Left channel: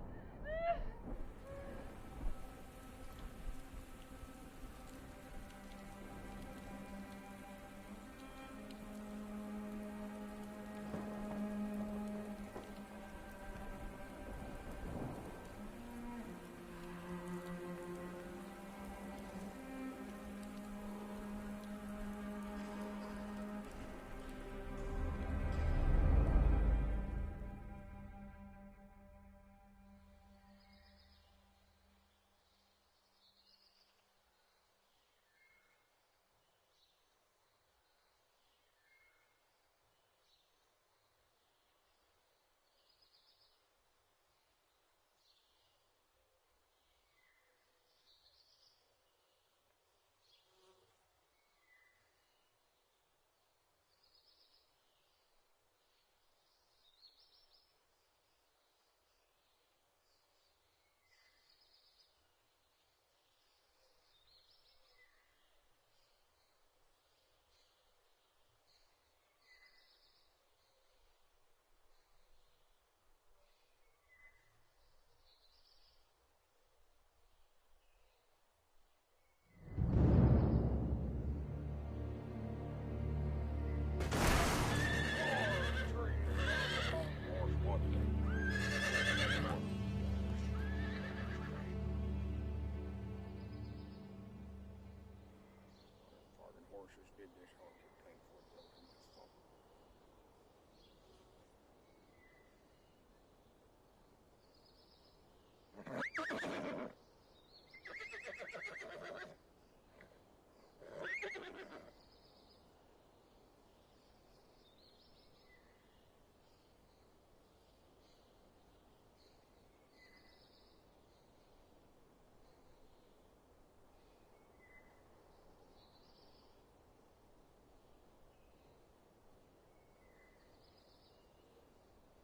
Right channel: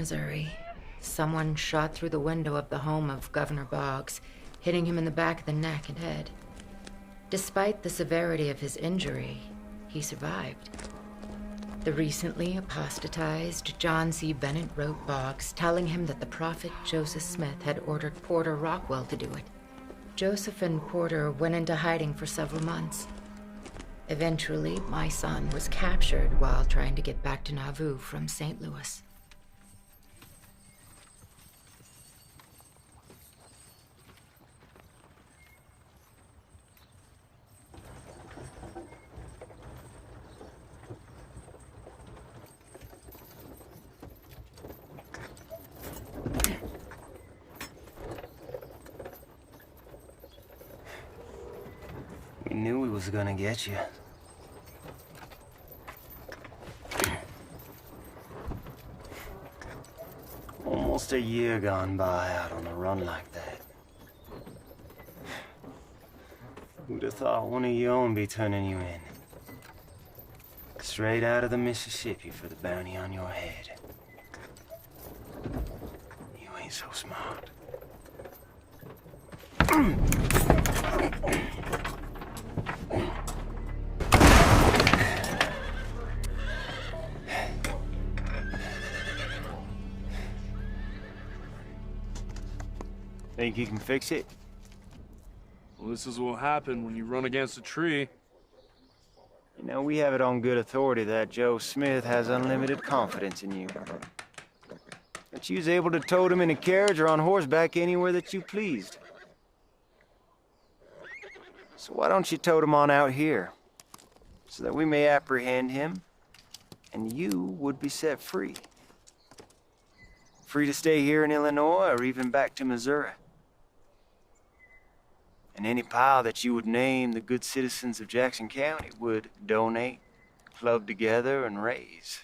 Missouri, someone shot through the window of the home of Governor Boggs, hitting him in the back of the neck and head. Despite the severity of his injury, he survived. The recently apostatized John C. Bennett wrote Boggs, telling him that the prophet Joseph Smith had ordered Porter Rockwell to do it. Joseph and Porter went into hiding for several months. Eventually, my son was captured while trying to get back to Nauvoo from St. Louis. We knew we was gonna get you. Almost a year gone by out on a run like that. Who'd have thought one of your own be turning you in? Straight out of the Mississippi for the bounty on your head. You ain't so smart. Think you can fix it? Well, this is what happened when you run against a tree. You know, we have it on good authority that Joe Smith has unlimited confidence in you. That you was able to tote him in a carriage or on horseback anywhere that you pleased. So why don't you tote him on out here, so that we may apprehend him, and you would be set free. Free to stay here in Illinois or even back to Missouri. And any pile that you would name the good citizens of Jackson County would donate, club together, and raise.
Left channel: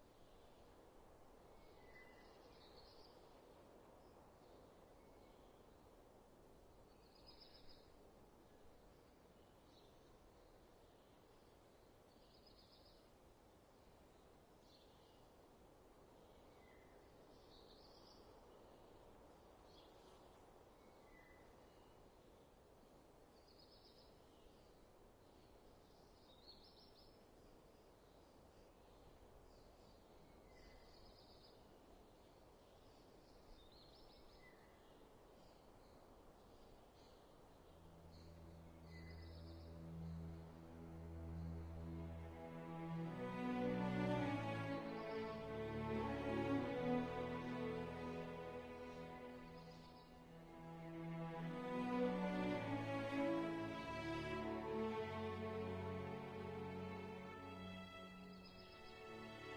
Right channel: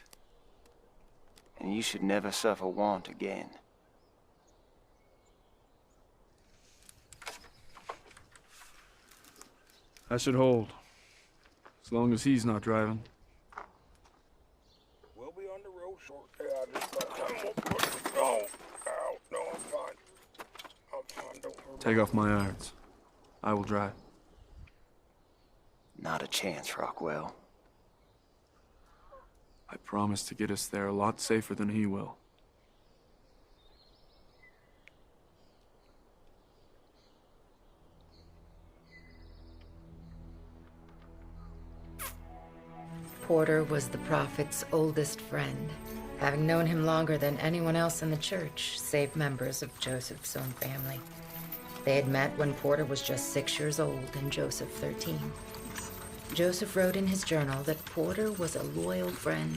And you should never suffer want again. I should hold. As long as he's not driving. We'll be on the road shortly. I just got time. No, I'm fine. I'm fine, don't worry. Take off my irons. I will drive. Not a chance, Rockwell. I promise to get us there a lot safer than he will. Porter was the prophet's oldest friend, having known him longer than anyone else in the church, save members of Joseph's own family. They had met when Porter was just 6 years old and Joseph 13. Joseph wrote in his journal that Porter was a loyal friend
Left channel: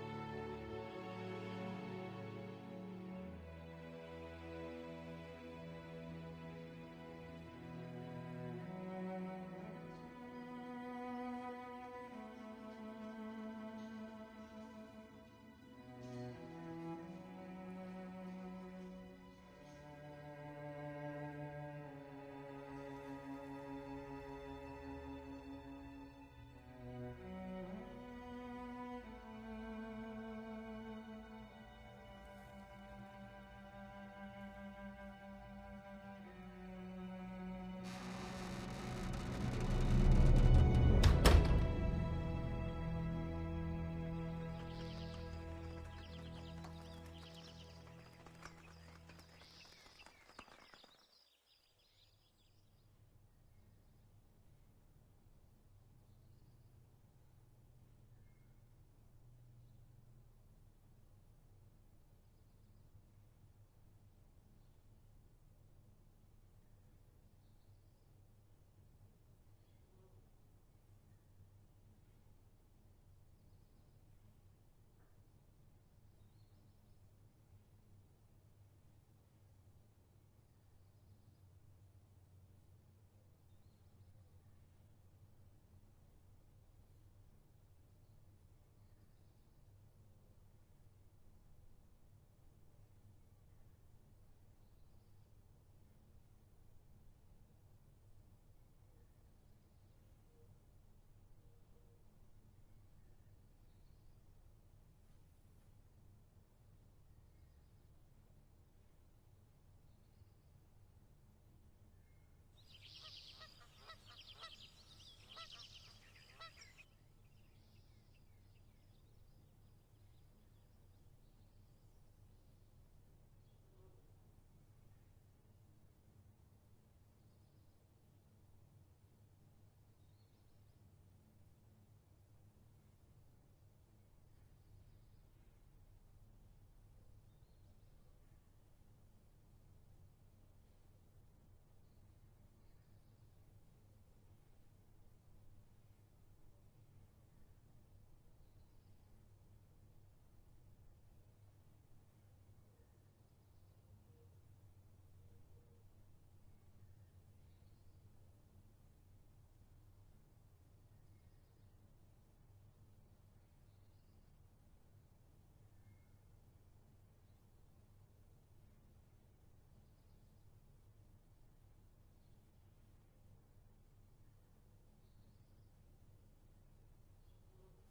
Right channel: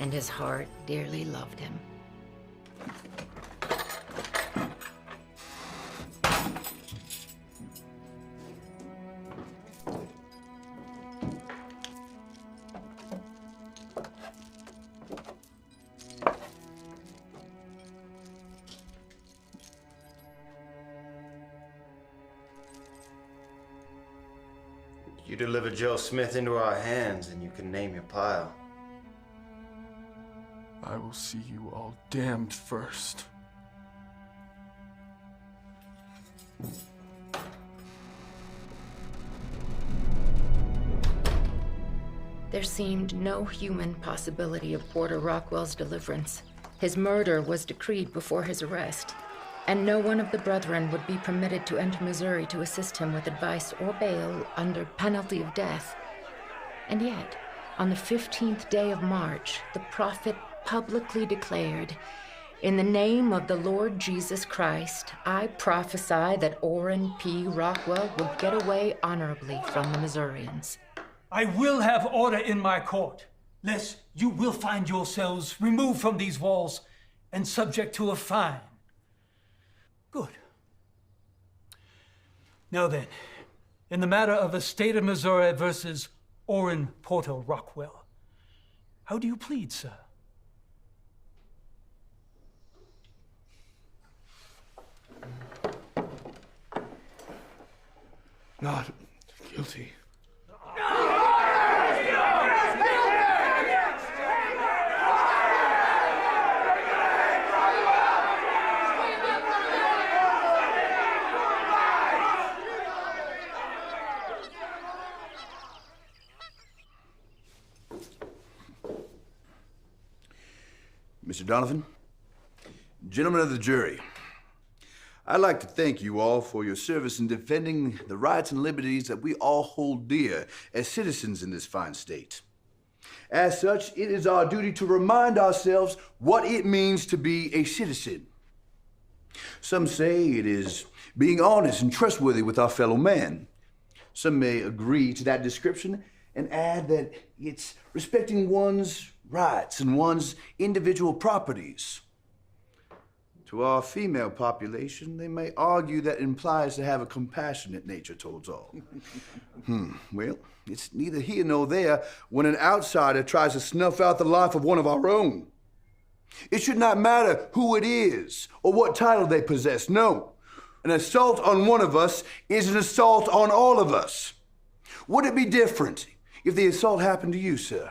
and his heart dearly loved him. You deliver Joe Smith into our hands, and you can name your pile. I will see you all damned first. There seemed no human possibility of Porter Rockwell's deliverance. His murder was decreed before his arrest, and no one of the brethren would be permitted to enter Missouri to assist him with advice or bail under penalty of death. And yet, on the 15th day of March, the prophet publicly declared, "In the name of the Lord Jesus Christ, I prophesy that Orrin P. Rockwell will get away honorably from the Missourians." I will have order in my court, lest you will find yourselves removed from these walls and subject to a fine. Good. Now then, in the matter of the state of Missouri versus Orrin Porter Rockwell, how do you plead, sir? Not guilty. Mr. Donovan, gentlemen of the jury, I'd like to thank you all for your service in defending the rights and liberties that we all hold dear as citizens in this fine state. As such, it is our duty to remind ourselves what it means to be a citizen. Some say it is being honest and trustworthy with our fellow man. Some may agree to that description and add that it's respecting one's rights and one's individual properties. To our female population, they may argue that implies to have a compassionate nature towards all. Well, it's neither here nor there when an outsider tries to snuff out the life of one of our own. It should not matter who it is or what title they possess. No, an assault on one of us is an assault on all of us. Would it be different if the assault happened to you, sir?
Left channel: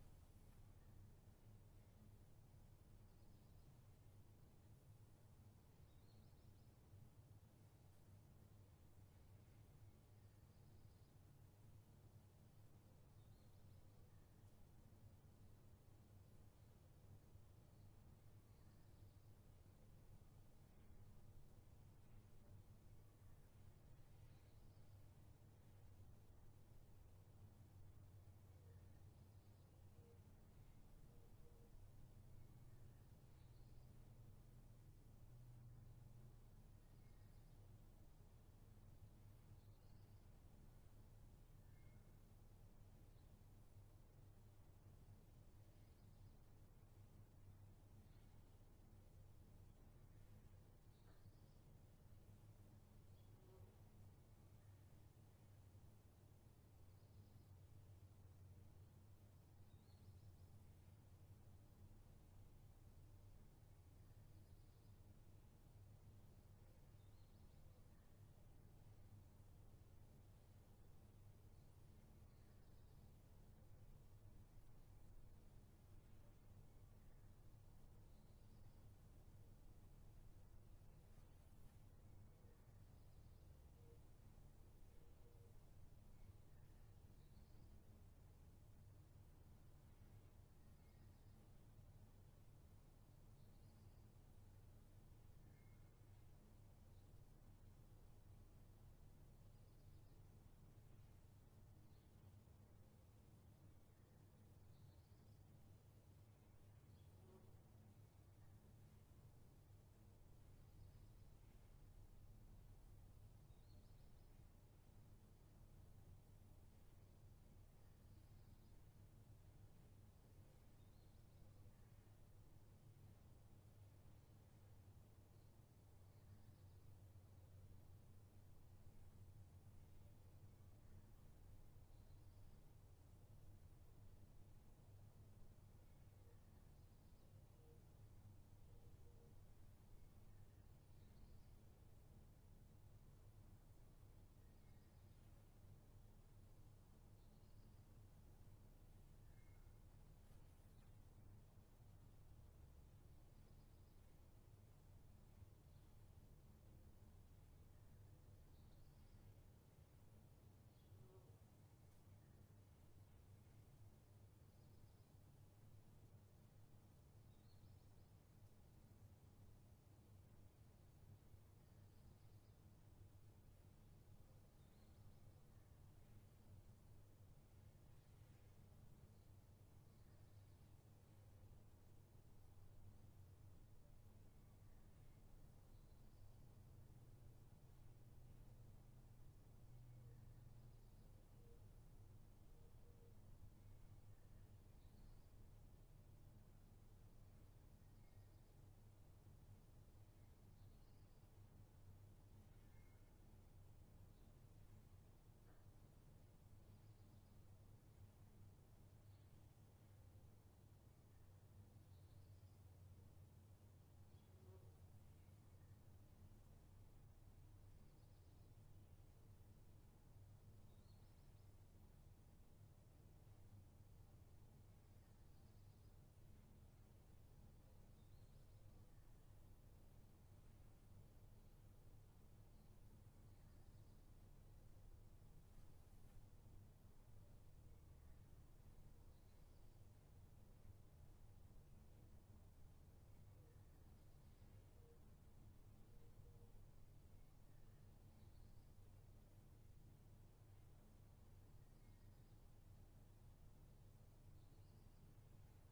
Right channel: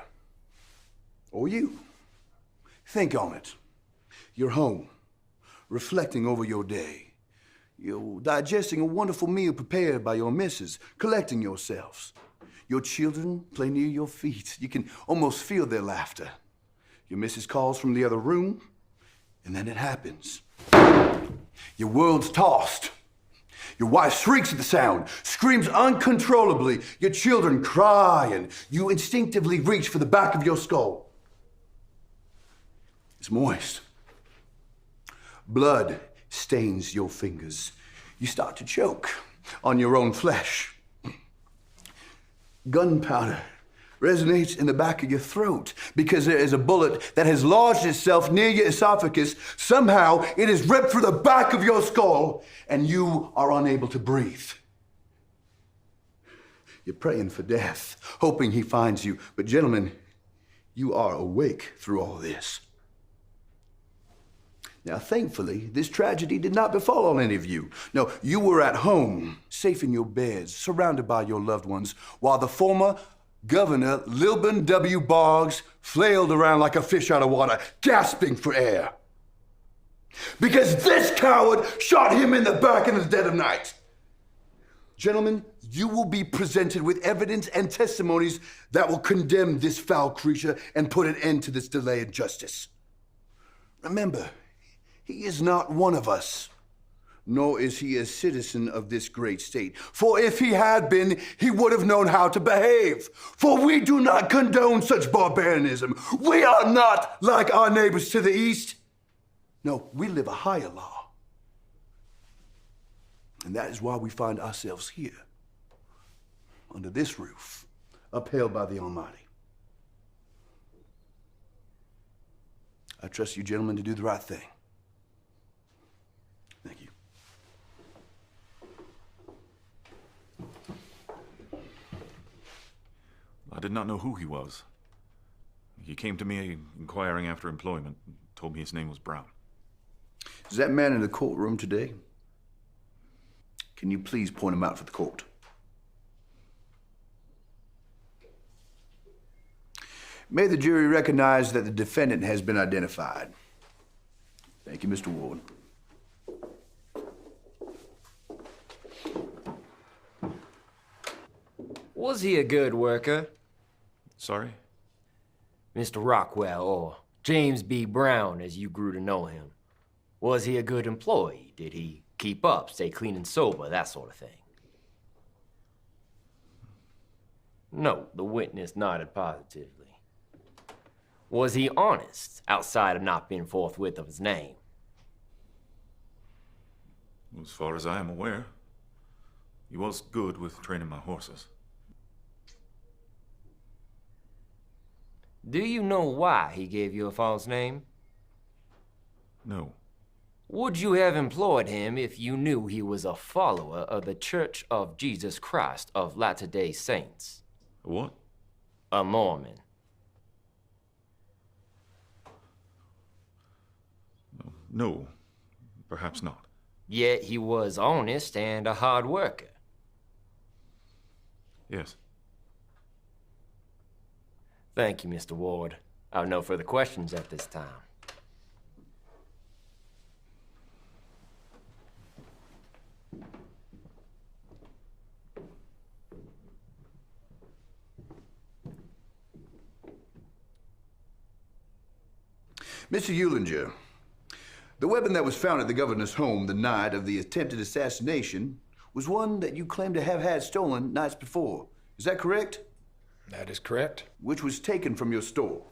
Or you? Think on it. You're home, reflecting over your day. You're digesting a wonderful meal prepared by your missus, collecting yourselves. Your children play near your feet. You can almost feel their laughter. Your missus calls from the other room, and then it happens. Your world's tossed. Your wife shrieks at the sound, screams uncontrollably. Your children cry, and you instinctively reach for the back of your skull. It's moist. Blood stains your fingers. You start to choke on your own flesh. Gunpowder resonates in the back of your throat because there is a bullet that has lodged itself near your esophagus. Somehow it is ripped through the back of your skull and you are unable to breathe. You're praying for death, hoping he finds you. But gentlemen, you are awake through all this. Now, thankfully, this tragedy did not befall on any of you. No, you were at home, safe in your beds, surrounded by your loved ones, while the former Governor Lilburn W. Boggs flailed around like a fish out of water, gasping for air. Because this coward shot him in the back in the dead of night. Gentlemen, you will be presented with evidence and testimonies that will condemn this foul creature and put an end to this delay in justice. Remember, he is not one of us, nor is he a citizen of this great state. For if he had been, he would have known how to behave. For we do not condone such barbarianism. We are not like our neighbors to the east. No, we live a higher law. And that is why we find ourselves here, under this roof, upheld by the Almighty. I trust you gentlemen to do the right thing. Thank you. I did not know who he was. He came to me inquiring after employment, told me his name was Brown. Is that man in the courtroom today? Can you please point him out for the court? May the jury recognize that the defendant has been identified. Thank you, Mr. Ward. Was he a good worker? Sorry? Mr. Rockwell, or James B. Brown, as you grew to know him. Was he a good employee? Did he keep up, stay clean and sober, that sort of thing? No, the witness nodded positively. Was he honest, outside of not being forthwith of his name? As far as I am aware, he was good with training my horses. Do you know why he gave you a false name? No. Would you have employed him if you knew he was a follower of the Church of Jesus Christ of Latter-day Saints? What? A Mormon. No, perhaps not. Yet he was honest and a hard worker. Yes. Thank you, Mr. Ward. I have no further questions at this time. Mr. Eulinger, the weapon that was found at the governor's home the night of the attempted assassination was one that you claim to have had stolen nights before. Is that correct? That is correct. Which was taken from your store.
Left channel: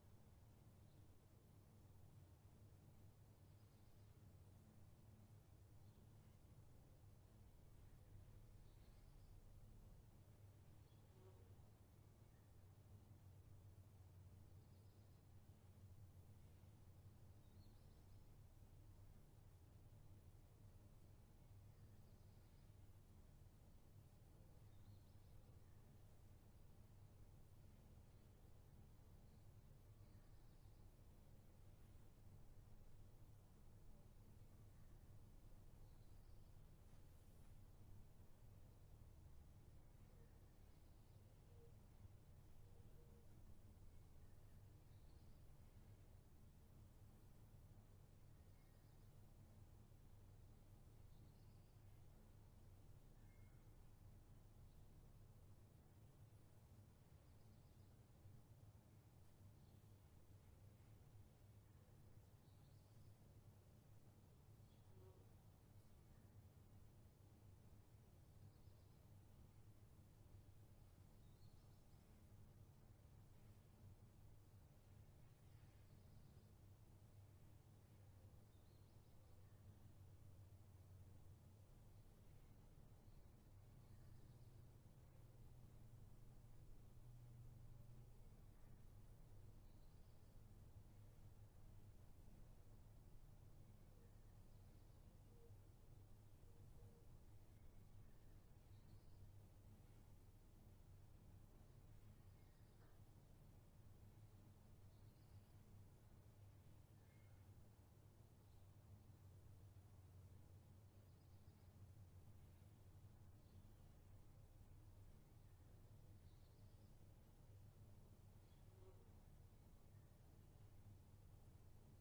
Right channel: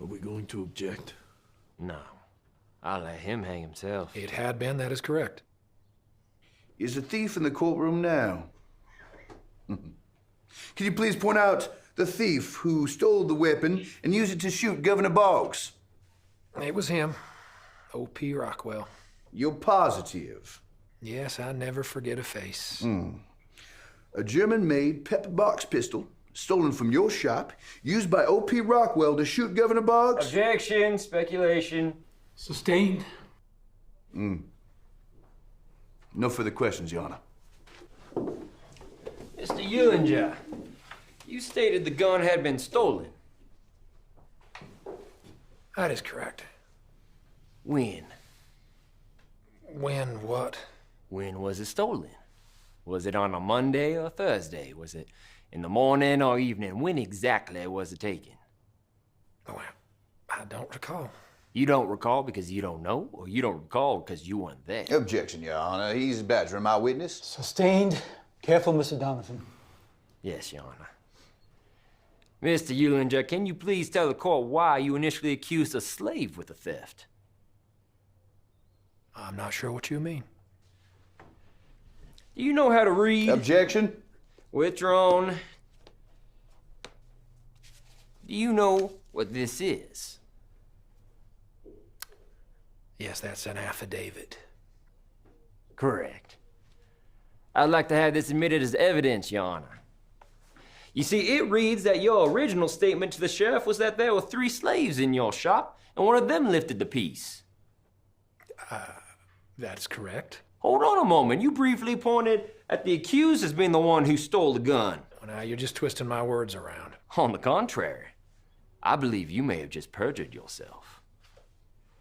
Are we going to object? No. I'll let him hang himself. It had been, that is correct. Is the thief in the courtroom now? Can you please point out the thief who stole the weapon and used it to shoot Governor Boggs? It was him, O.P. Rockwell. You're positive? Yes, I never forget a face. A German-made pepper box pistol stolen from your shop, used by O.P. Rockwell to shoot Governor Boggs? Objection, speculation. Sustained. No further questions, Your Honor. Mr. Eulinger, you stated the gun had been stolen. That is correct. When? When what? When was it stolen? Was it on a Monday or Thursday? Was it in the morning or evening? When exactly was it taken? Oh, I don't recall. You don't recall because you don't know, or you don't recall because you weren't there? Objection, Your Honor. He's badgering my witness. Sustained. Careful, Mr. Donovan. Yes, Your Honor. Mr. Eulinger, can you please tell the court why you initially accused a slave with the theft? I'm not sure what you mean. Do you know how to read? Objection. Withdrawn. Do you know what this is? Yes, that's an affidavit. Correct. I'd like to have this admitted as evidence, Your Honor. You see, it reads that your original statement to the sheriff was that there were 3 slaves in your shop, and one of them lifted the piece. That's correct. Hold on a moment. You briefly pointed at the accused as being the one who stole the gun. Well, now, you're just twisting my words around. On the contrary, I believe you may have just perjured yourself.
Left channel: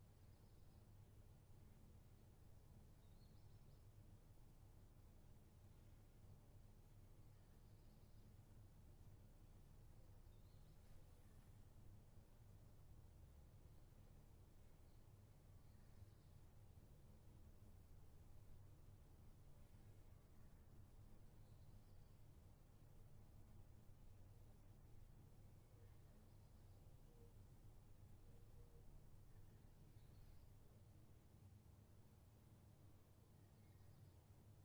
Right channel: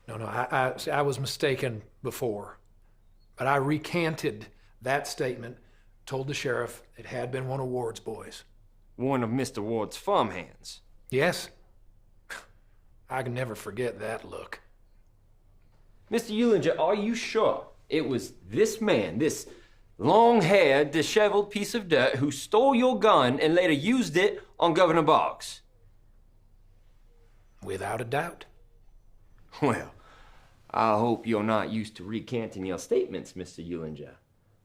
No, I was mistaken before. But I recanted that statement, told the sheriff it had been one of Ward's boys. One of Mr. Ward's farmhands. Yes. I can never forget that look. Mr. Eulinger, are you sure it was this man, this long-haired, disheveled piece of dirt who stole your gun and later used it on Governor Boggs? Without a doubt. Well, I hope you're not used to recanting your statements, Mr. Eulinger.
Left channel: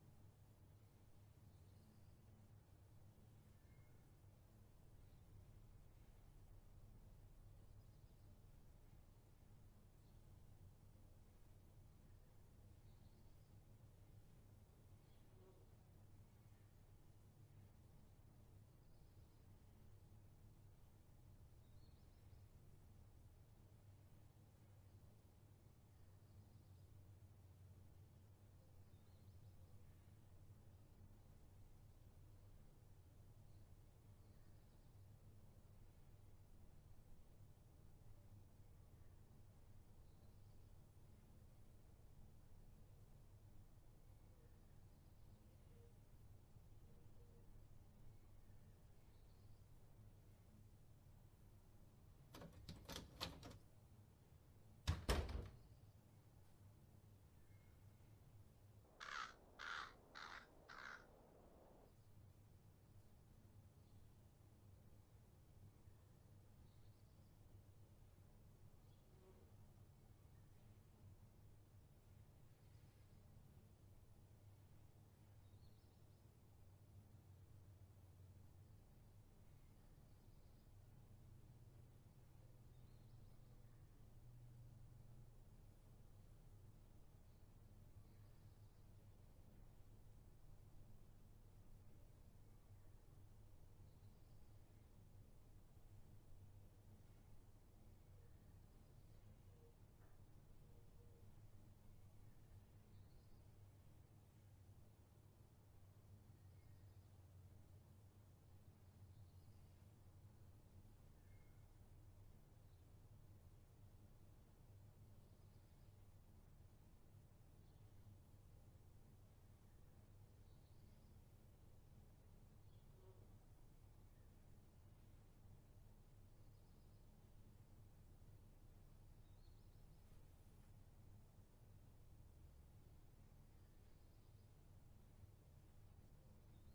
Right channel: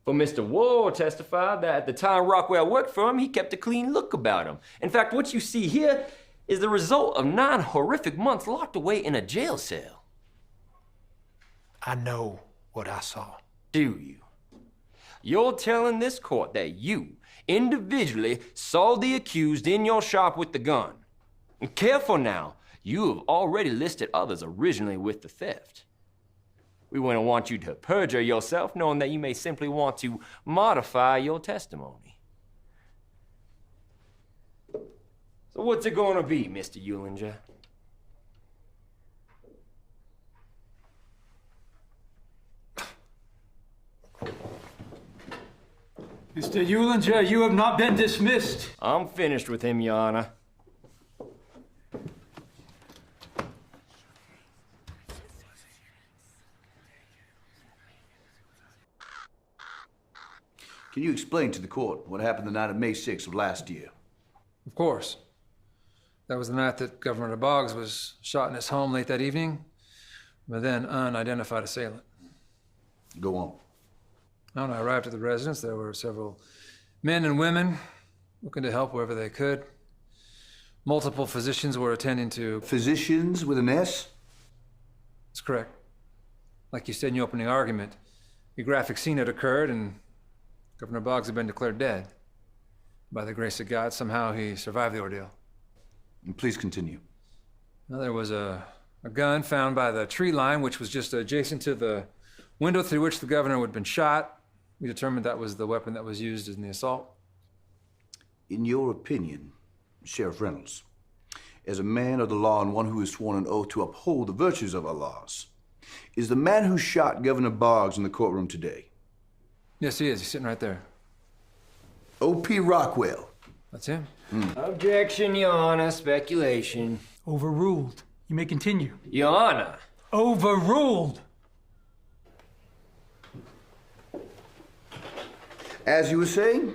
For Mr. Ward testified that at the time Rockwell worked for him, he kept a clean look about him. In fact, what you see here is the result of 9 horrific months locked away in a jail cell. I know what I saw. Do you? You're telling this court that you, individually, saw the accused in your shop with the gun. And careful now, you have already listed others originally with the theft. We wouldn't want you to perjure yourself, knowing that you may simply want to modify your testimony. So what's it gonna be, Mr. Eulinger? Mr. Eulinger, you have not been dismissed. I'm finished with him, Your Honor. Can you explain to the court what happened the night of May 6th of last year? Of course. That was the night that Governor Boggs was shot in his home late that evening by a then unidentified assailant. Go on. When I arrived at the residence, there were several men and women looking to help wherever they could. Multiple physicians were attending to... Physicians with an S? That's correct. Like you said in your opening argument, a graphic scene had occurred and Governor Boggs had been declared dead. By the grace of God, somehow he survived the ordeal. And please continue. Now, there was a gun found by the tree line, which was just adjacent to the window through which the governor had been shot. We determined that was the weapon that was used in the assault. In your opinion, Sheriff Reynolds, as a man of the law and one who has sworn an oath to uphold the virtues of our laws, is the man who shot Governor Boggs in the courtroom today? Yes, he is. He's sitting right there. O.P. Rockwell. That's him. Objection, Your Honor. Speculation. Overruled. You may continue. Your Honor. Overruled. As you were saying?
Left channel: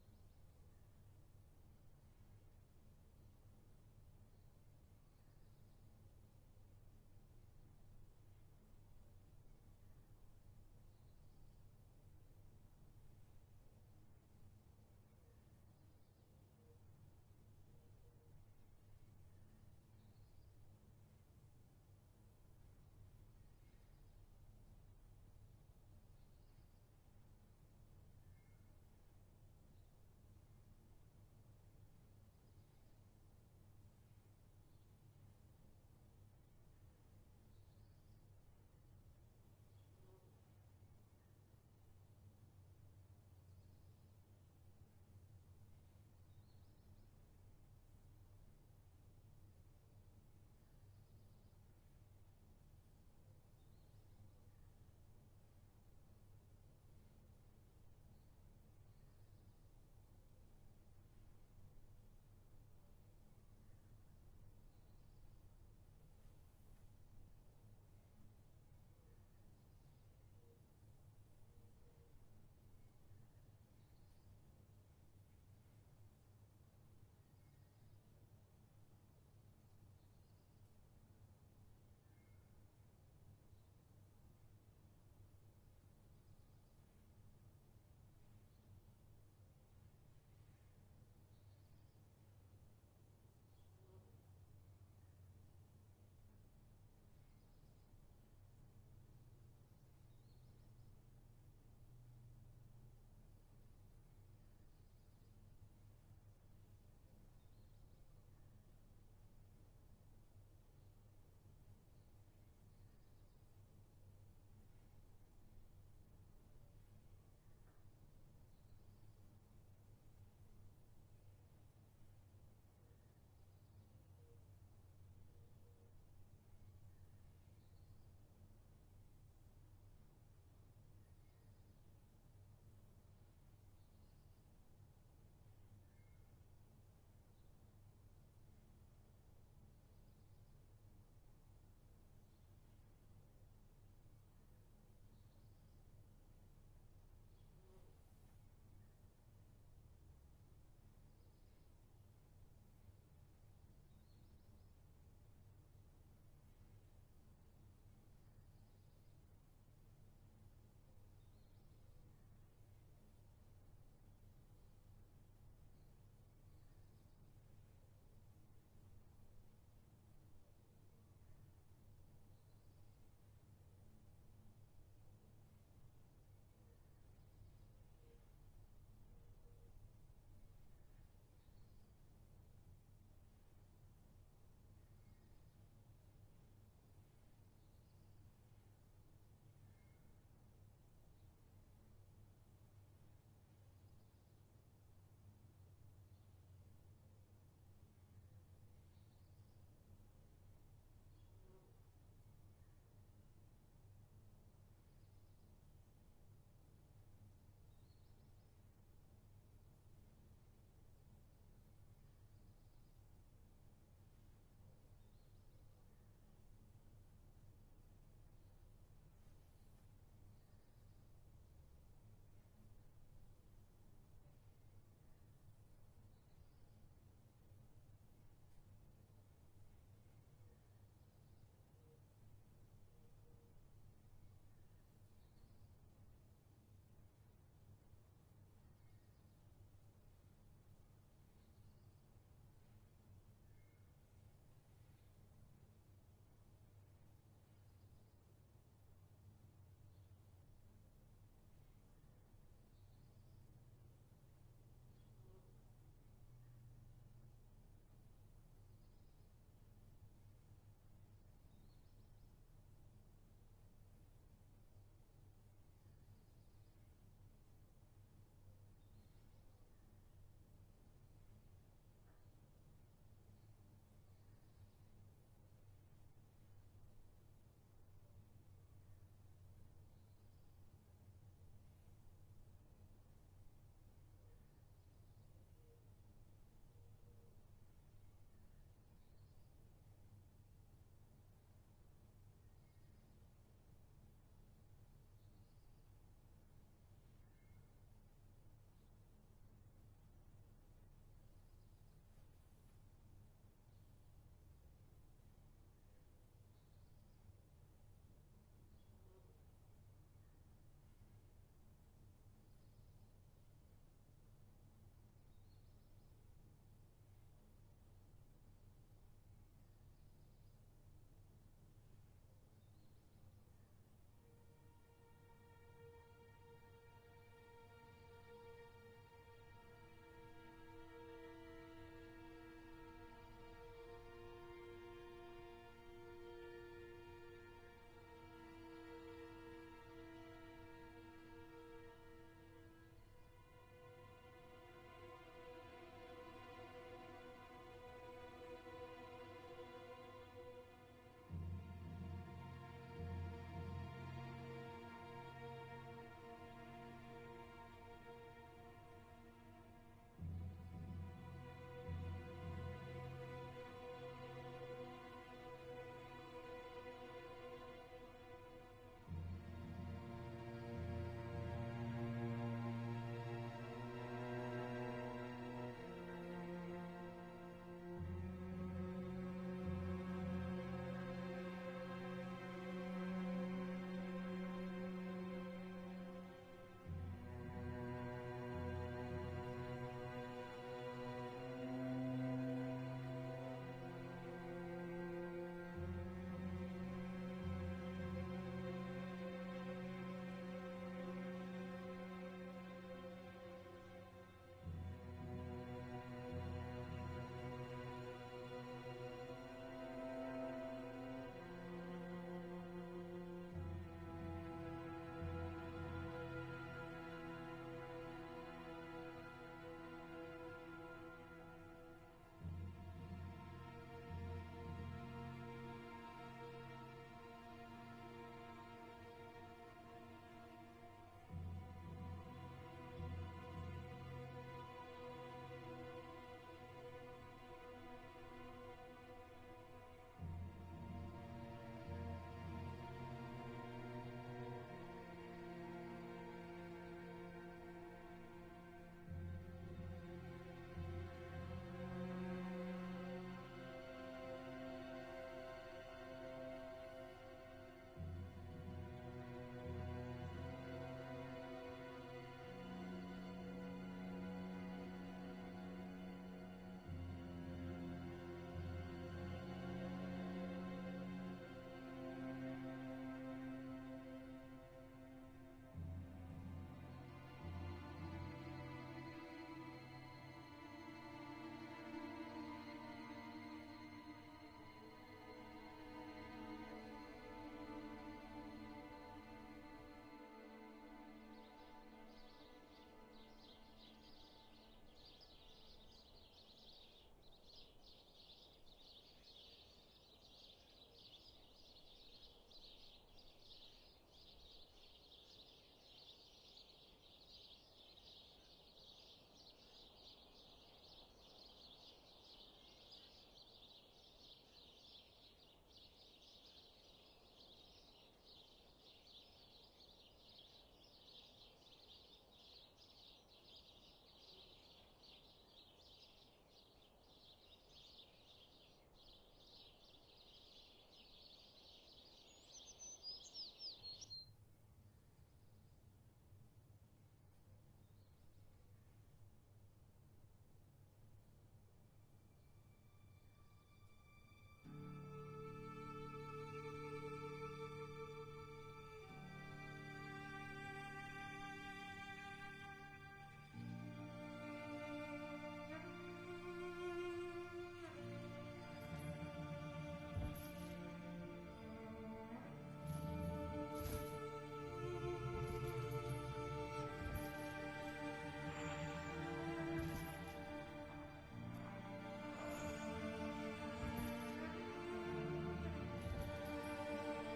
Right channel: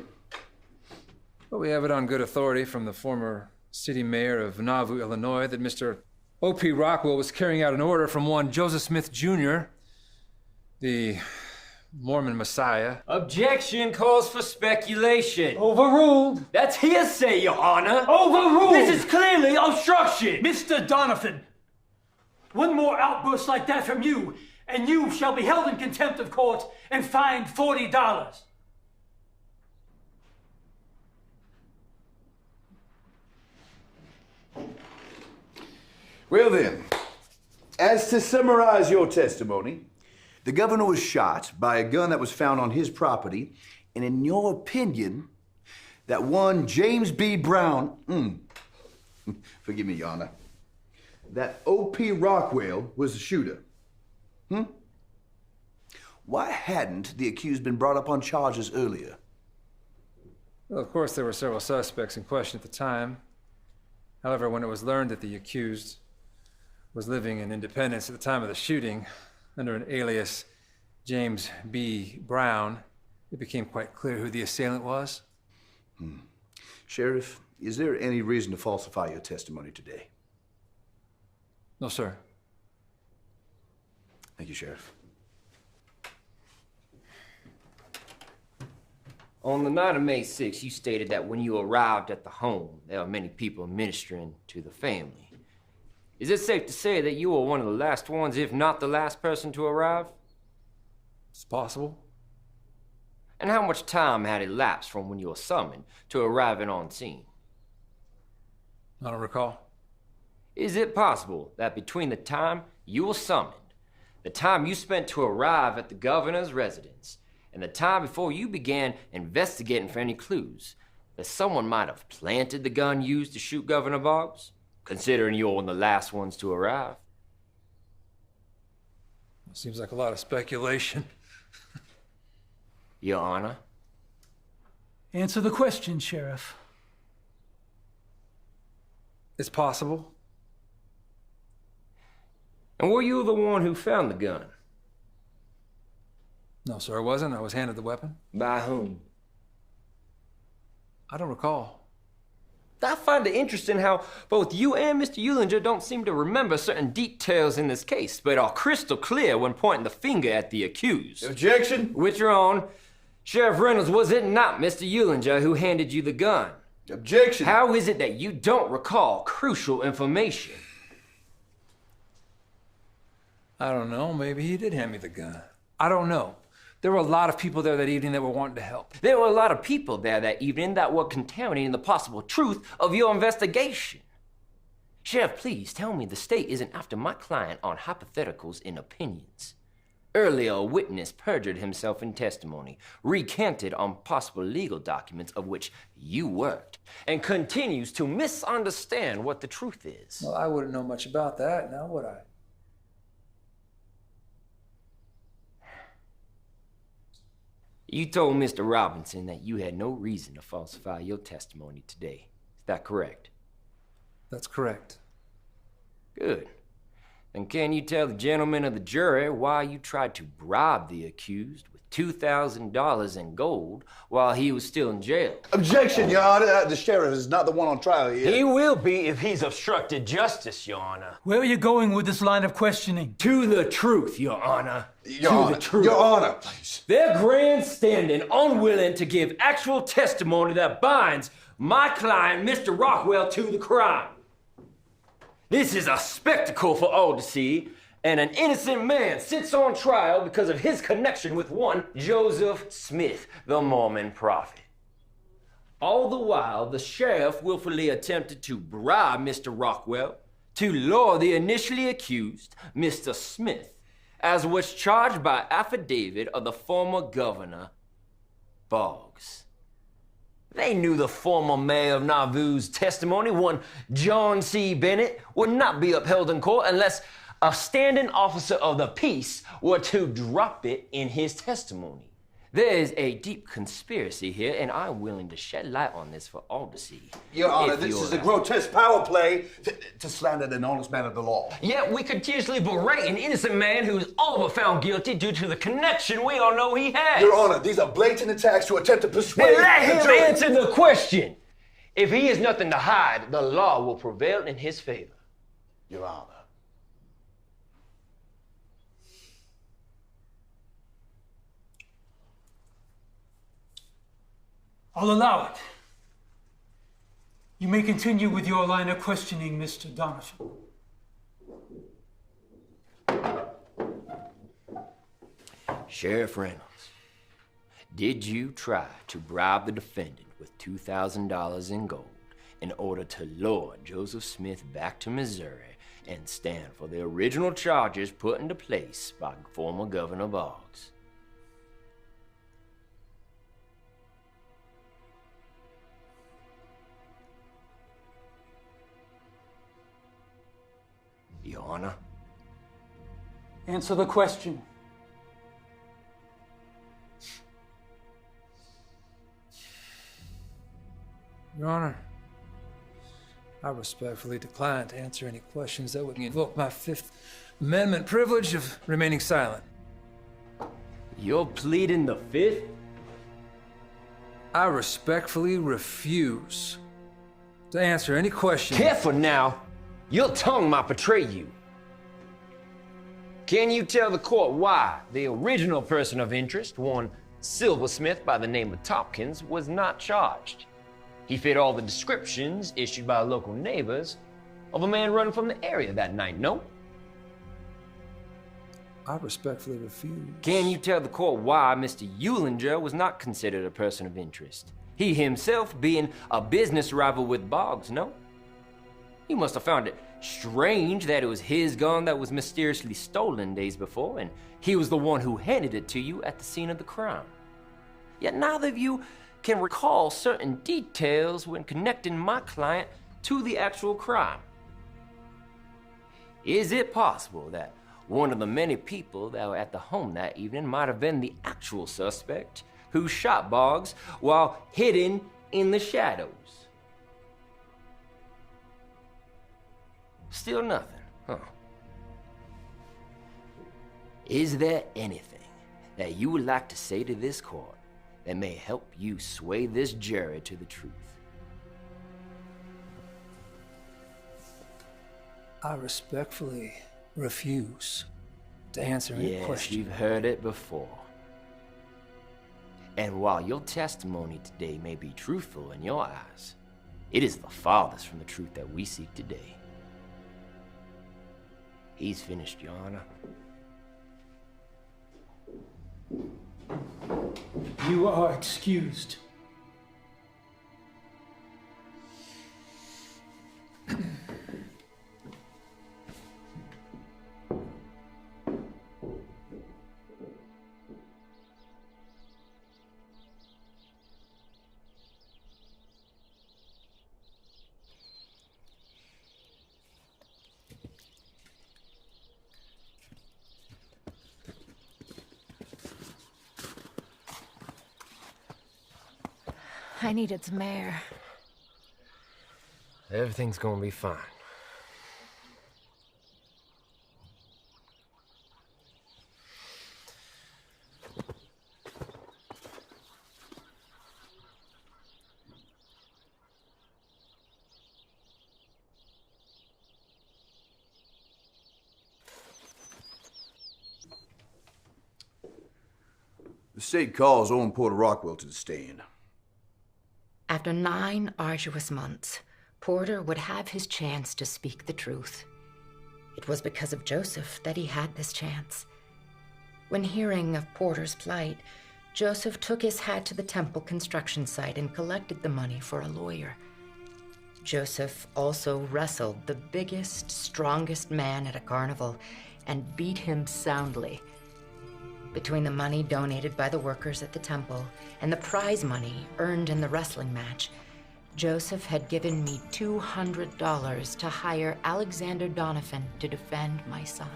Well, we have it on good authority from the former city mayor of Nauvoo, Illinois, that Mr. O.P. Rockwell was carrying out an order from one Joseph Smith Jr., the Mormon Messiah. Objection calls for speculation. Overruled. That's hearsay, Your Honor. Overruled. This is clearly obstruction. Mr. Donovan, one more outburst like that from you, and you shall be held in contempt of court and fined $40. Well then, as to summarize your testimony, the governor was shot by a gun that was found on his property, and in your opinion, that one James B. Brown, forgive me, Your Honor, that O.P. Rockwell was the shooter. Why hadn't the accused been brought up on charges earlier? Well, of course, there were several suspects in question at the time. However, when it was learned that the accused was living in Independence at the time of the shooting under an alias James B. Brown, it became quite clear who the assailant was. Sheriff, is there any reason to falsify your testimony today? No, sir. Thank you, Sheriff. On the night of May 6th, you stated that when you arrived at the home, there were many people ministering to the family. Is it safe to say that you were one of the last ones, if not the last person to arrive? It's possible. And how much time had elapsed from when you were summoned to arriving on scene? I don't recall. Is it possible that between the time you were summoned, the time you spent to arrive at the governor's residence, and the time before you began investigating for any clues, that someone might have planted the gun used to shoot Governor Boggs, considering you're one of the last ones to arrive? Seems like a lot of speculation. Your Honor? Answer the question, Sheriff. It's possible. And were you the one who found the gun? No, sir, I wasn't. I was handed the weapon. By whom? I don't recall. I find it interesting how both you and Mr. Eulinger don't seem to remember certain details in this case, but are crystal clear when pointing the finger at the accused. Objection! Withdrawn. Sheriff Reynolds, was it not Mr. Eulinger who handed you the gun? Objection! How is it that you don't recall crucial information? I don't know. Maybe he did hand me the gun. I don't know. There were a lot of people there that evening that were wanting to help. There were a lot of people there that evening that were contaminating the possible truth of your investigation. Sheriff, please tell me the state isn't after my client on hypotheticals and opinions. Earlier, a witness perjured himself in testimony, recanted on possible legal documents of which you worked, and continues to misunderstand what the truth is. Well, I wouldn't know much about that, now would I? You told Mr. Robinson that you had no reason to falsify your testimony today. Is that correct? That's correct. Good. Then can you tell the gentlemen of the jury why you tried to bribe the accused with $2,000 in gold while he was still in jail? Objection, Your Honor. The sheriff is not the one on trial here. He will be if he's obstructed justice, Your Honor. Where are you going with this line of questioning? To the truth, Your Honor. Your Honor. The truth. Your Honor, please. They're grandstanding, unwilling to give actual testimony that binds my client, Mr. Rockwell, to the crime. This is a spectacle for all to see, and an innocent man sits on trial because of his connection with one Joseph Smith, the Mormon prophet. All the while, the sheriff willfully attempted to bribe Mr. Rockwell to lure the initially accused, Mr. Smith, as was charged by affidavit of the former governor, Boggs. They knew the former mayor of Nauvoo's testimony, one John C. Bennett, would not be upheld in court unless a standing officer of the peace were to drop it in his testimony. There is a deep conspiracy here, and I'm willing to shed light on this for all to see. Your Honor, this is a grotesque power play to slander an honest man of the law. Yet we could tearfully berate an innocent man who's all but found guilty due to the connection we all know he has. Your Honor, these are blatant attacks to attempt to persuade... Then let him answer the question. If he has nothing to hide, the law will prevail in his favor. Your Honor. I'll allow it. You may continue with your line of questioning, Mr. Donovan. Sheriff Reynolds, did you try to bribe the defendant with $2,000 in gold in order to lure Joseph Smith back to Missouri and stand for the original charges put into place by former Governor Boggs? Your Honor? Answer the question. Your Honor, I respectfully decline to answer any questions that would invoke my Fifth Amendment privilege of remaining silent. You're pleading the Fifth? I respectfully refuse to answer any questions. Careful now. Your tongue might betray you. Can you tell the court why the original person of interest, one silversmith by the name of Tompkins, was not charged? He fit all the descriptions issued by local neighbors of a man running from the area that night, no? I respectfully refuse. Can you tell the court why Mr. Eulinger was not considered a person of interest? He himself being a business rival with Boggs, no? You must have found it strange that it was his gun that was mysteriously stolen days before, and he was the one who handed it to you at the scene of the crime. Yet neither of you can recall certain details when connecting my client to the actual crime. Is it possible that one of the many people that were at the home that evening might have been the actual suspect who shot Boggs while hidden in the shadows? Still nothing, huh? Is there anything that you would like to say to this court that may help you sway this jury to the truth? I respectfully refuse to answer any question. Yes, you've heard it before. And while your testimony today may be truthful in your eyes, it is the farthest from the truth that we seek today. He's finished, Your Honor. You are excused. I needed some air. Everything's gonna be fine. The state calls Orrin Porter Rockwell to the stand. After 9 arduous months, Porter would have his chance to speak the truth. It was because of Joseph that he had this chance. When hearing of Porter's plight, Joseph took his hat to the temple construction site and collected the money for a lawyer. Joseph also wrestled the biggest, strongest man at a carnival and beat him soundly. Between the money donated by the workers at the temple and the prize money earned in the wrestling match, Joseph had given me $200 to hire Alexander Donovan to defend my son.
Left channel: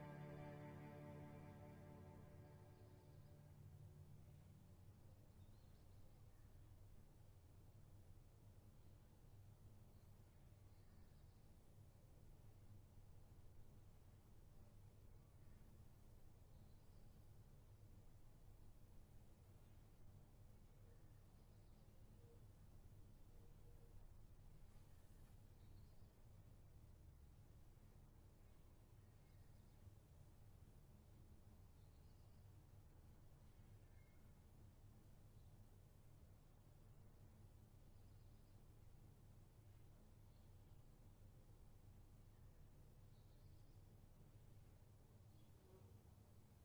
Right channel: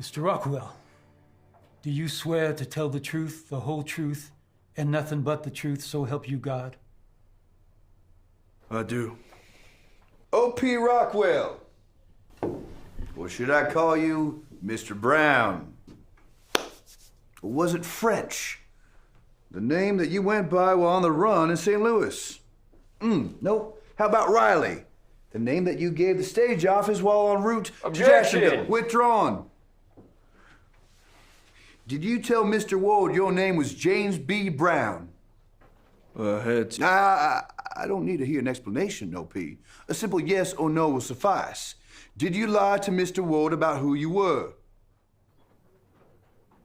Mr. Rockwell, do you swear to tell the truth, the whole truth, and nothing but the truth, so help you God? I do. O.P. Rockwell. Or should I call you Mr. Brown? Or was it French? The name that you went by while on the run in St. Louis? Nope. How about Riley? The name that you gave the stage office while en route to Jacksonville. Withdrawn. Did you tell Mr. Ward your name was James B. Brown? I don't need to hear an explanation, O.P. A simple yes or no will suffice. Did you lie to Mr. Ward about who you were?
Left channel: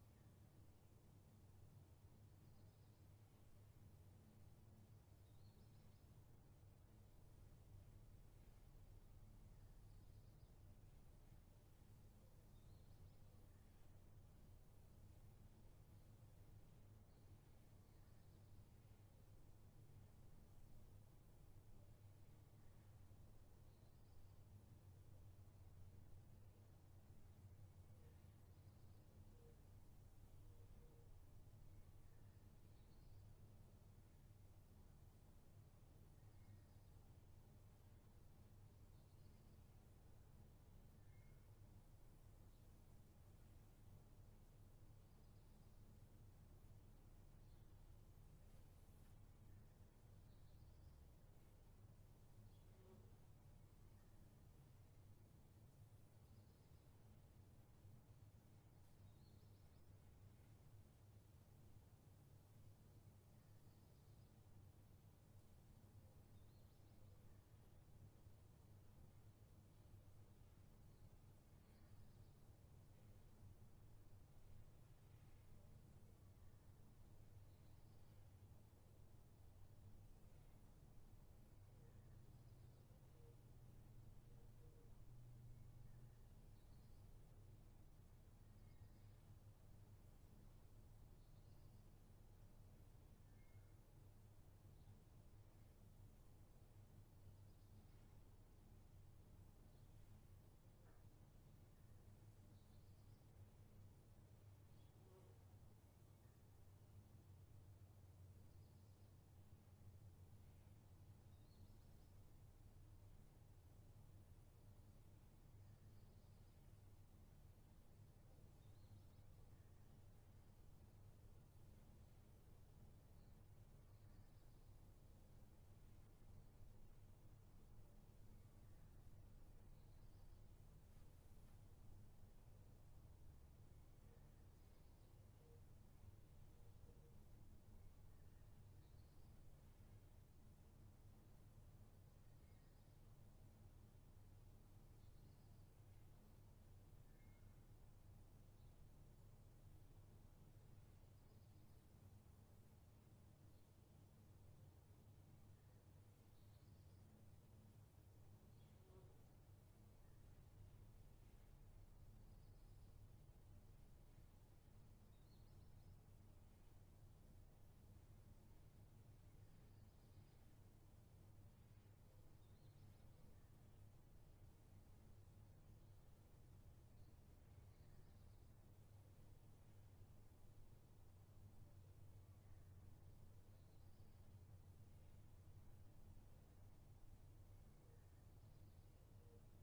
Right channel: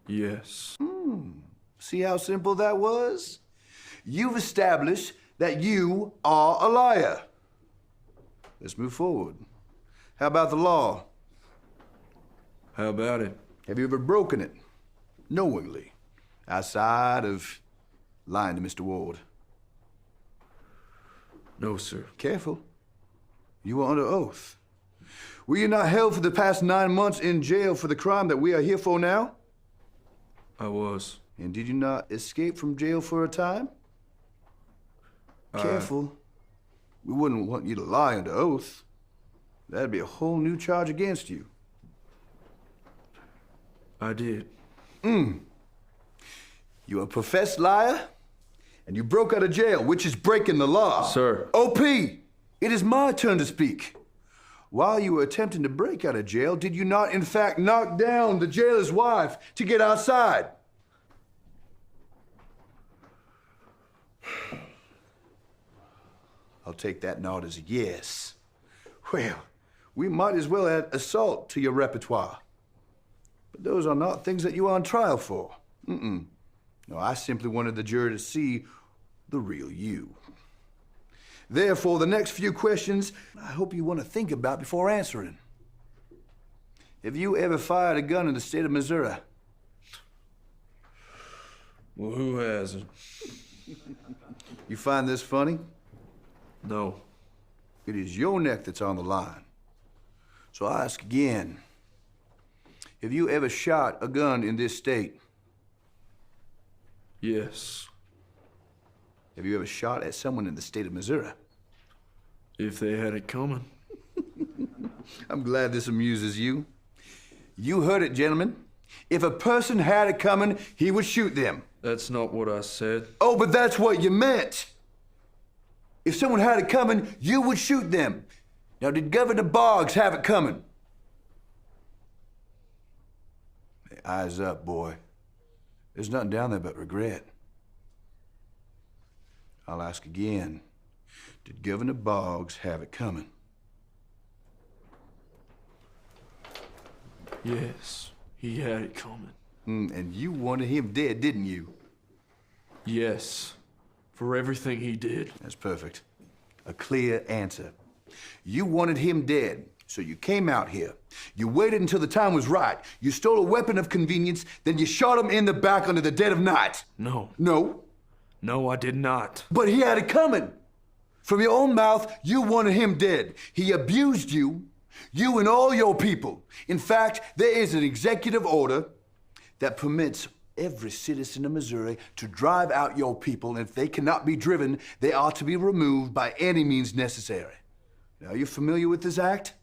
Yes. See how simple that was? You've established that you are a liar. Let's move forward. How about the law? How about it? Have you ever broken it? Knowingly? Outside of lying to Mr. Ward? No, sir. Careful. You were under oath. Were you not held for the past 9 months in jail for the crime that we are here for now? I was. And did you not escape from jail for a time? Careful. We wouldn't want you to lie under oath. That'd be a whole new charge against you. I did. You're a professed liar, and you broke out of jail, which is breaking the law. Sir. O.P., it is my turn to speak. While you were attempting to break out of jail, did you not, in fact, knock down the jailer's wife to get outside? I'll take that nod as a yes. Well, we might as well add assault to your repertoire. But those are not things that you are on trial for. No, I simply wanted the jury to see the real you. Therefore, the next few questions, I hope you want to think about before answering. Have you ever fired a gun in the state of Missouri? Well, who hasn't? You find this funny? No. It is your neck that's on the line. So I ask again, have you ever shot a gun in this state? Yes. Have you ever shot at someone in the state of Missouri? If they had it coming. I'm glad this amuses you. You heard it, gentlemen. If a person had it coming, he would shoot them. That's not what I said. Oh, but that's what you meant. If someone had it coming, you would shoot them. Now, did Governor Boggs have it coming? Hey, eyes up, boy. There's nothing down there but regret. I'll ask again. Did Governor Boggs have it coming? Yes, he had it coming. And you wanted him dead, didn't you? Yes, for everything he did. That's perfect. A clear answer. You wanted him dead, so you came out here. You waited until the time was right. You stole a weapon of convenience, then you shot him in the back under the dead of night. No. No? No, I did not. But he had it coming. From your own mouth, you wanted him dead. He abused you, you and all your people. In fact, there is an executive order that permits every citizen of Missouri to drive out your people, and if they cannot be driven, they are to be removed by any means necessary. Now, are you familiar with this act?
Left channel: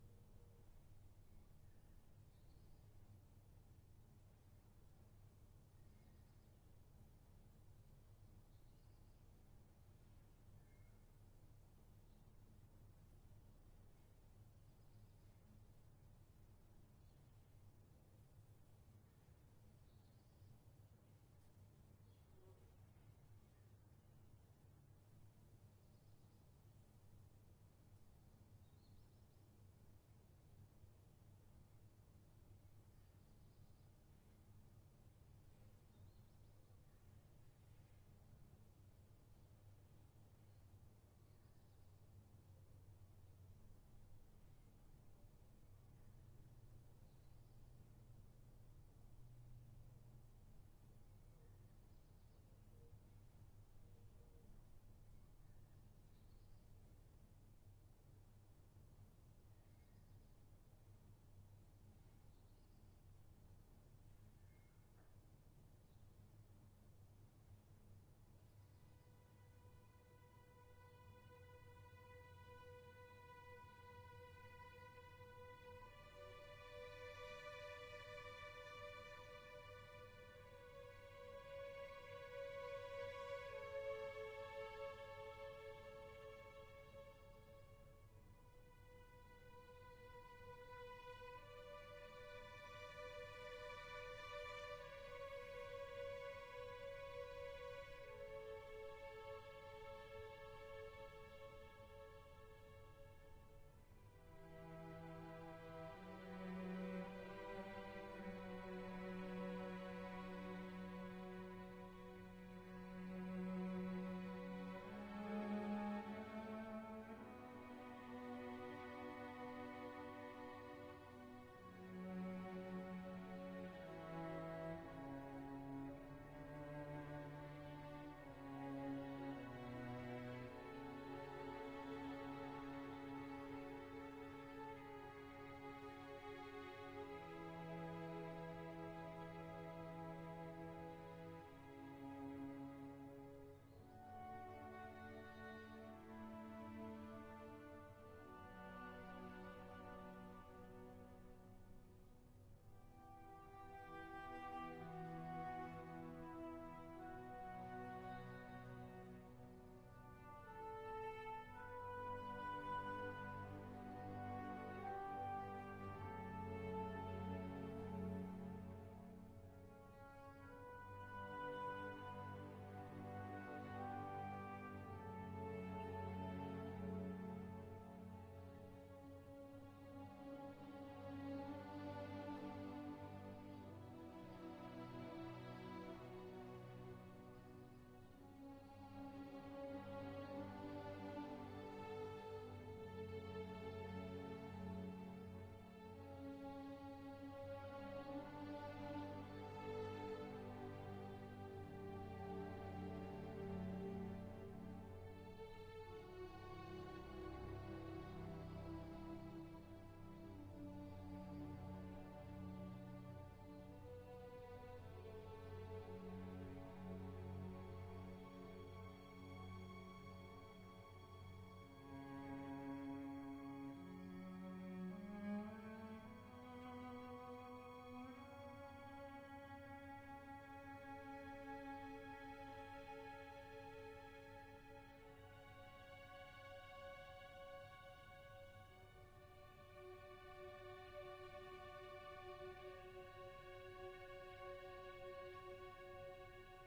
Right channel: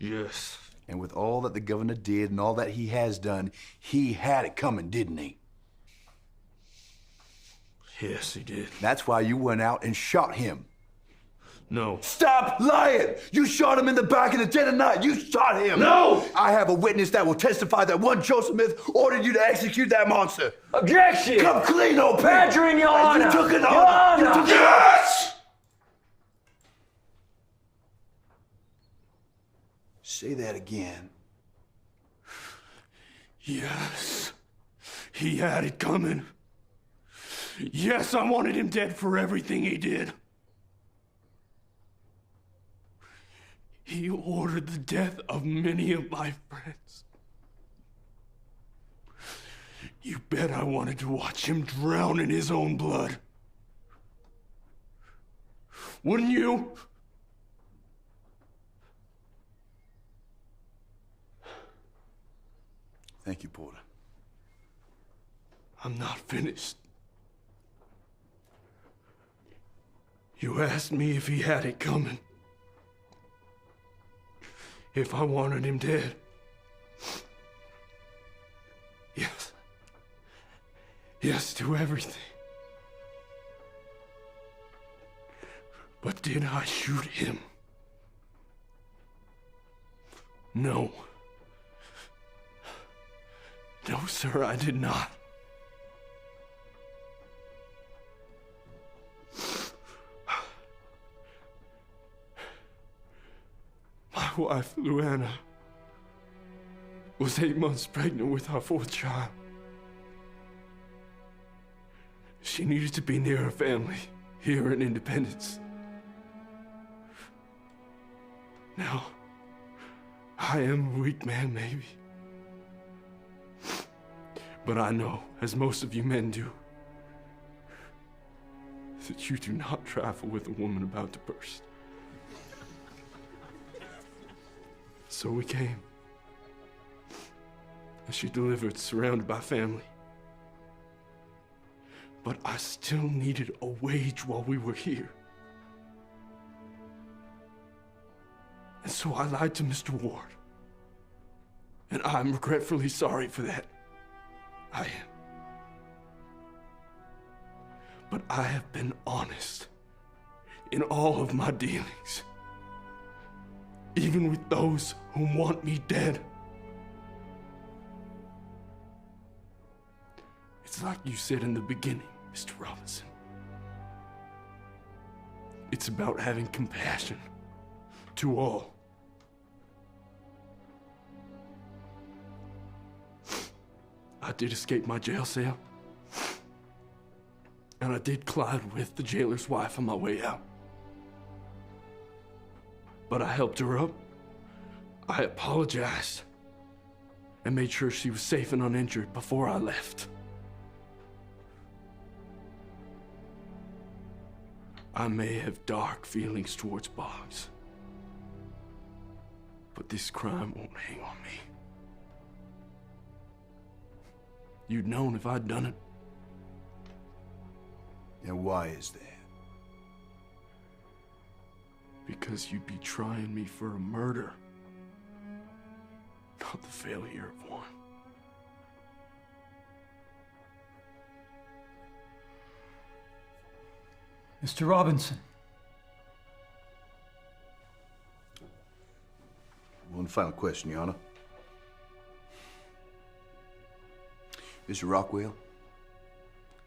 Yes. And with all that the governor did and all that he has done, he had it coming, didn't he? Yes, he did. That's why you went out and shot him. No. Stop lying! You shot him in the back in the dead of night. You shot him. No! I have a witness that will testify that one Joseph Smith ordered you to execute that monster. Objection! Come clean, old pal. Badgering, Your Honor! You took it Your on. Honor! Yes! Say that again. Yes. He had it coming. Yes, I wanted him dead for everything he did. He ordered the death of many of my friends. You bet I wanted to watch him drown in his own blood. Wouldn't you? Thank you, Porter. I'm not finished. You asked me if he had it coming. If I wanted him dead. Yes. Yes to everything. But did I shoot him? No. No, sir, I did not. My wife, Luana, was 8 months pregnant with our 4th child. She needed to be near her family here in Independence. Now, I am a weak man, maybe. But I know, as most of you men do, that you do not trifle with a woman about to burst. So we came. And she delivered, surrounded by family. But I still needed a wage while we were here. And so I lied to Mr. Ward. And I'm regretfully sorry for that. I am. But I have been honest in all of my dealings. Even with those who want me dead. It's like you said in the beginning, Mr. Robinson. It's about having compassion to all. I did escape my jail cell. And I did collide with the jailer's wife on my way out. But I helped her up. I apologized. And made sure she was safe and uninjured before I left. I may have dark feelings towards Boggs. But this crime won't hang on me. You'd known if I'd done it. And why is that? Because you'd be trying me for a murder, not the failure of one. Mr. Robinson. One final question, Your Honor. Mr. Rockwell,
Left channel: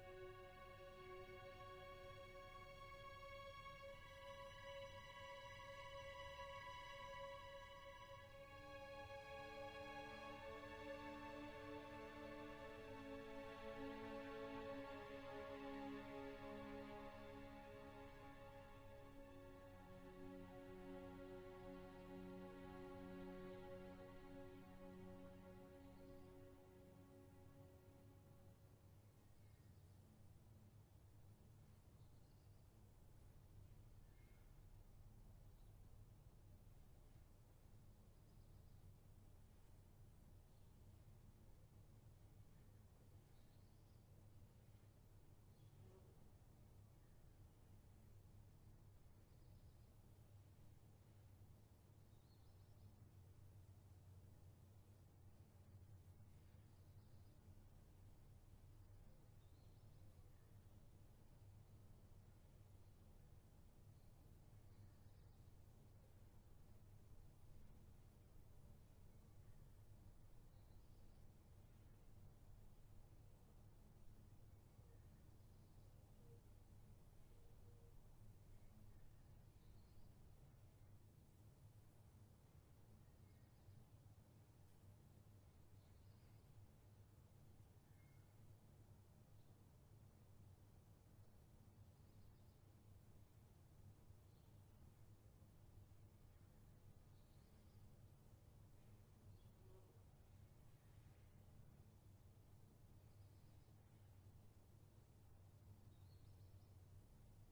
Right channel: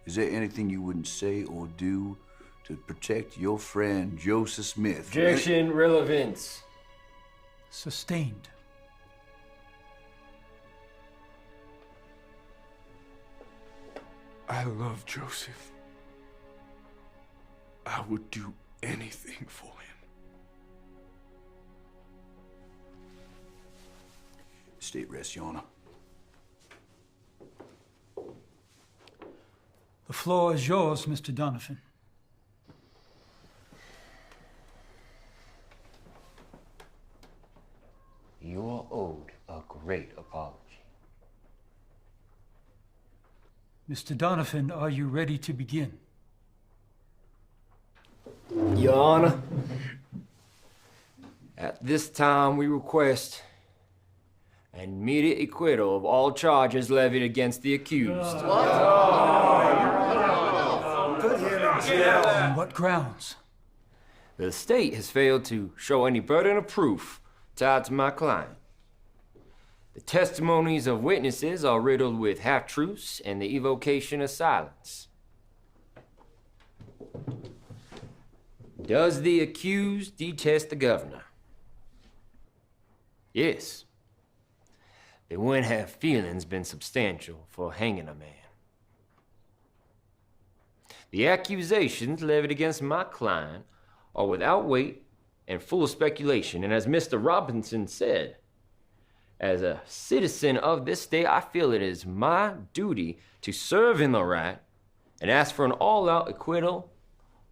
is there anything you wouldn't say or do to protect your friend Joseph Smith? Objection, relevance. Sustained. I love Joseph. I would do anything for him. State rest, Your Honor. The floor is yours, Mr. Donovan. You are owed a great apology. Mr. Donovan, are you ready to begin? Your Honor, at this time we request an immediate acquittal of all charges levied against the accused. On what grounds? The state has failed to show any burden of proof tied to my client. The testimonies of witnesses are riddled with half-truths and the evocation of silence. Does the accused detest the governor? Yes. Then when have feelings been substantial for hanging a man? The accusations levied against my client are without weight and full of speculation, and as Mr. Robinson said, as a citizen of this state, I feel it is my duty to serve in the right and ask for an all-out acquittal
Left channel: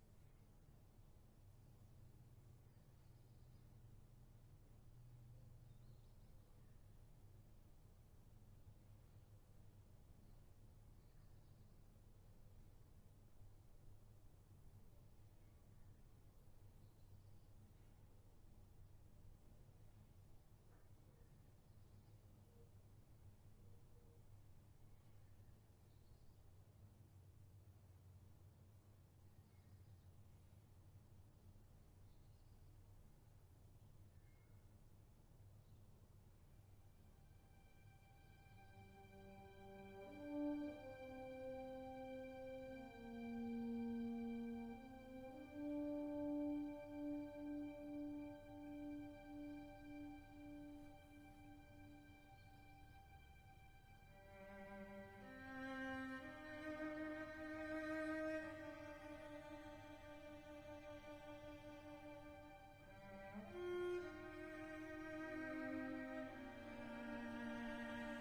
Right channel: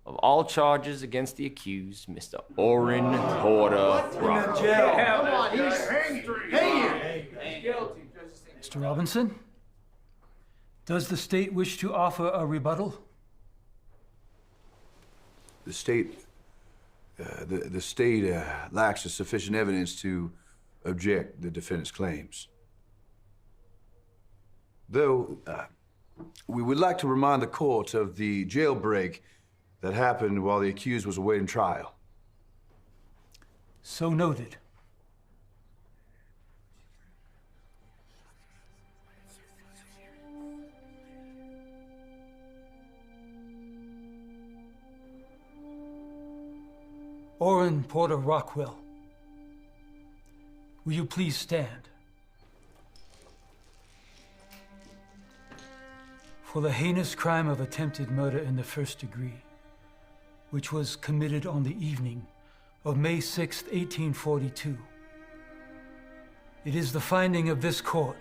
of all charges against the accused, Mr. Orrin Porter Rockwell. Mr. Mr. Robinson, does the state wish to offer a rebuttal? The state lacks sufficient evidence to object the defendant's claims. Though, we would like to remind the court of the jailbreak that happened while the accused was awaiting trial. So noted. Orrin Porter Rockwell, will you please stand? For the heinous crime of attempted murder in the first degree, which was committed on the evening of May 6, 1842, it is the finding of this court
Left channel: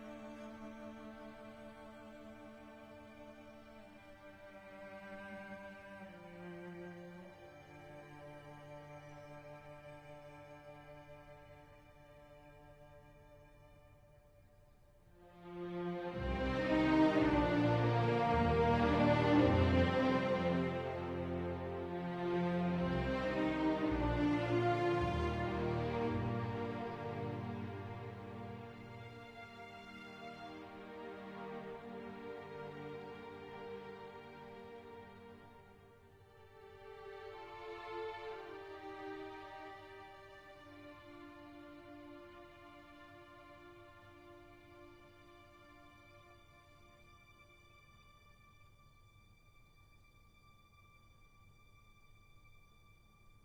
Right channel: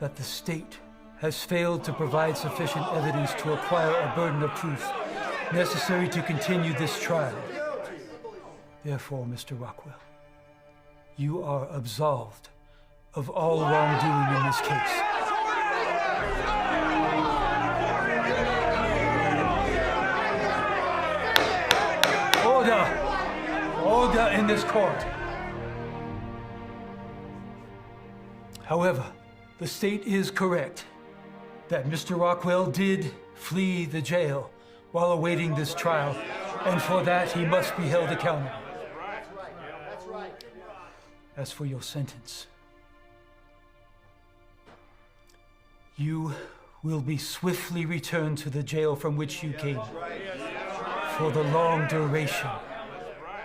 that the state has failed to provide sufficient evidence to acquire a burden of proof necessary to continue this trial. Therefore, Mr. Rockwell, you are absolved of all wrongdoing in this case. Order! Order in this court. However, the state is correct that Mr. Rockwell did flee the jail while awaiting this trial, and for that he must be held accountable. As for your sentence, you will be swiftly returned to the jail from which you came for the long duration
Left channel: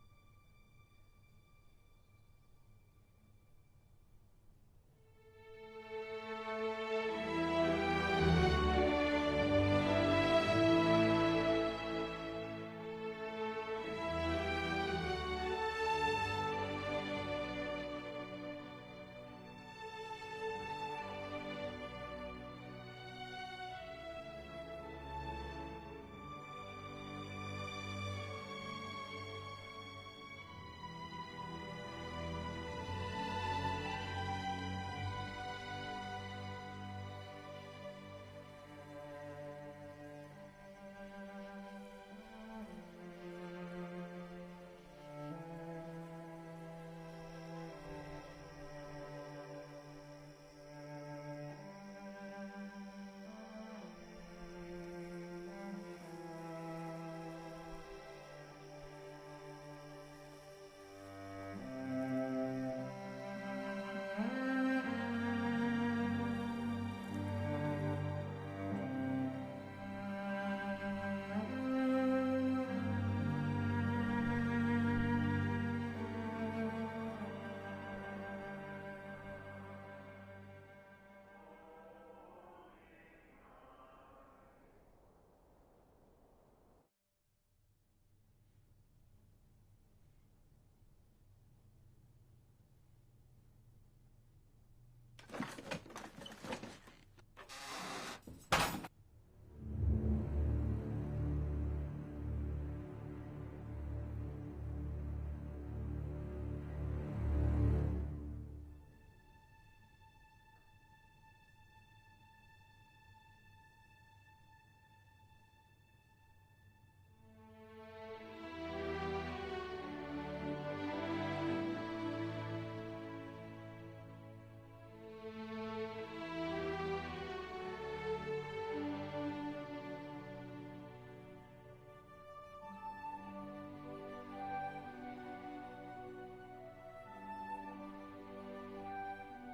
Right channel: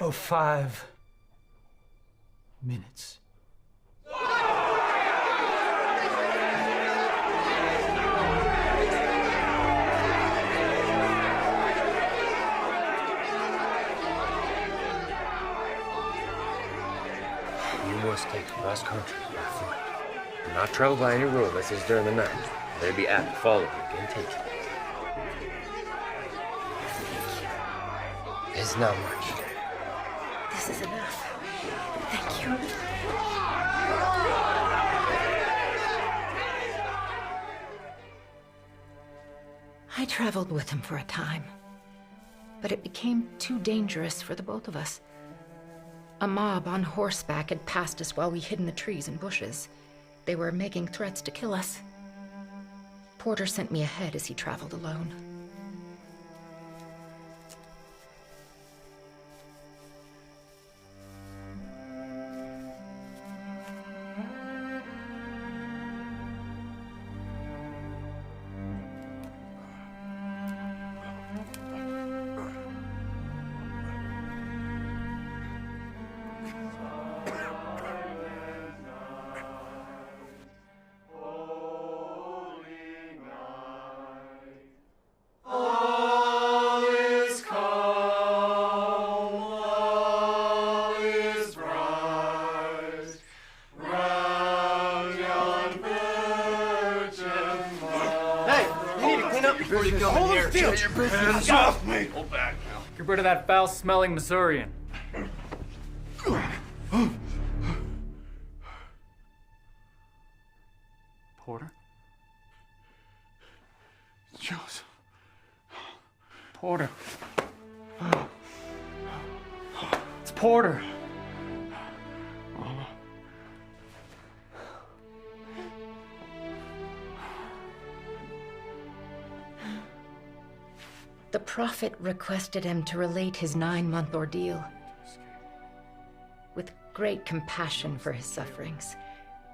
of 5 minutes. Take cross country by foot. Do not travel by any road unless it's during the night. There be apt to follow you and take you. It's not much. This is enough. Thank you. I traveled with him for a time, but it became too dangerous for the both of us. A mob on horseback had passed us while we hid in the trees and bushes. They were making threats to kill us. Porter sent me ahead as he traveled alone. Hands off me! Hold back now. Get rid of that foul-smelling Missourian. Porter? Joseph. Porter. It's Porter. The prophet requested him to relate his 9-month ordeal. With great compassion for his sufferings,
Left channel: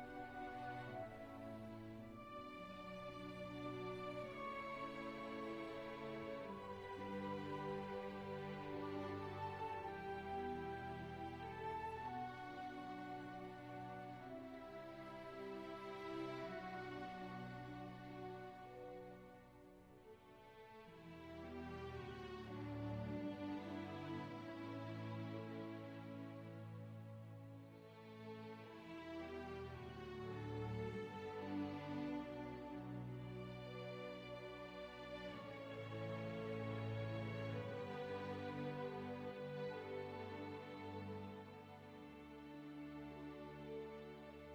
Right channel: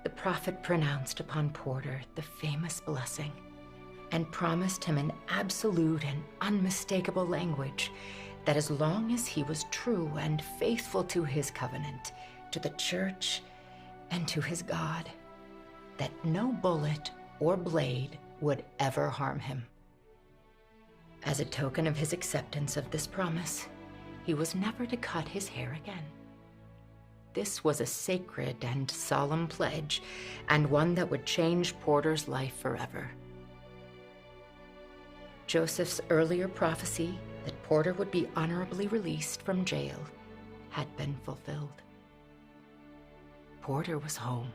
the prophet pronounced upon Porter the famous blessing and promised him in absolute and unmistakable language that as long as he was true and faithful to his covenant, to the church, and to his God, that no bullet or blade would ever harm him. As a token of his acceptance of this promise, he was never to cut his hair again. This was a sacred and solemn pledge, and one that would change Porter's life forever. Joseph's earlier prophecy that Porter would be honorably released from jail had been fulfilled. Porter was home.